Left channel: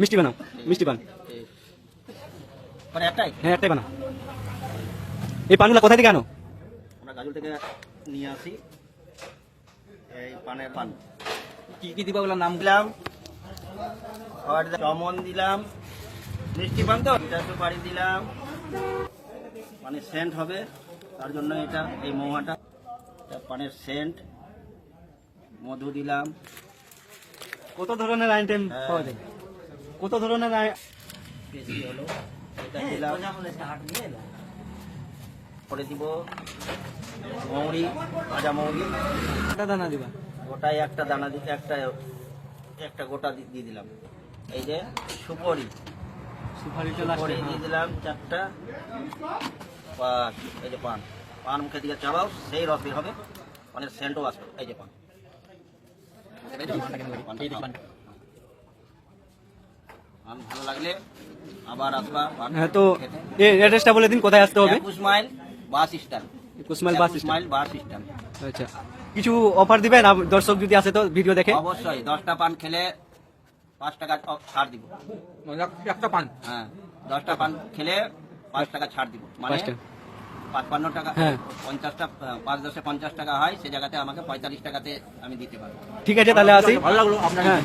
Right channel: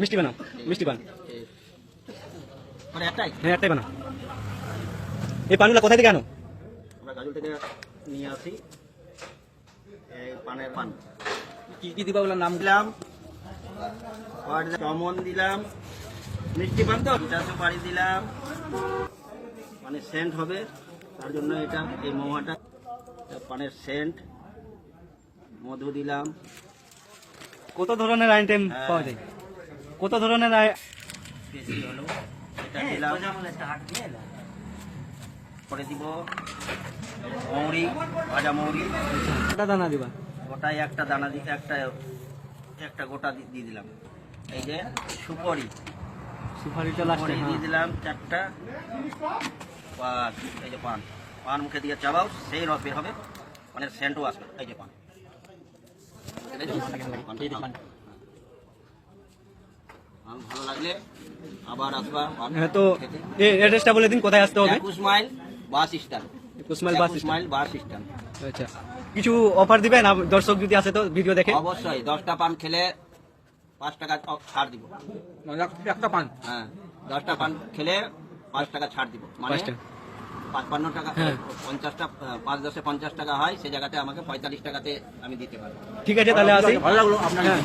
মিষ্টি বানাও, মিষ্টি পান। মানে একটাই? হ্যাঁ একটাই বানাও। এই পানগুলো কোথা থেকে আনো? আমরা গাজল থেকে নিয়ে আসি। এই পানের পান কি কি দিবা ওগুলোর নাম? দিলাম, চমন দিলাম, মিষ্টি পান তো এটা সুপারি দিলাম, মানে সেন্ট হবে তার জন্য এটা এই মৌমাটা পানের সেন্ট। মধু দিলাম। কত ধরনের আইটেম পাওয়া যায়? কত ধরনের বেশি হলো এটা দিলাম। করে দিব মৌরি, ভাজা মৌরি। দানা দিবা? গোটায় একটা দানা দিতে একটা গোটা দিয়ে দিলাম। এই যে সুপারি, সুপারিটা সুপারি দিয়ে দিলাম 4টা। এই যে পান, পান মুখে দিয়ে চাবাও, সেই রস বের হবে, অনেক সেন্টও আসবে। এই যে পান, ভালো লাগলে আবার আসবা। হ্যাঁ, তো এই অ্যাড্রেসটা বলে দিন, কোথায় আসতে হবে? 21 মাইল বাস স্ট্যান্ড। 21 মাইল বাস 21 মাইল বাস স্ট্যান্ড। আচ্ছা, কিছু অফার দিবেন দর্শক যদি আসে তো ভিডিও দেখে? অবশ্যই 10টা পান খেলে 5 টাকা ছাড় দিব। একটা পান? হ্যাঁ, 10টা পান খেলে 5 টাকা ছাড় দিব। মানে 55 টাকা, হ্যাঁ। 50টা, 5 10 50 টাকা হয়, সে জায়গাতে আমাকে 45 টাকাতে আমি দিতে পারবো। ঠিক আছে, তাহলে আসি। ভালো লাগলো আপনার। হ্যাঁ।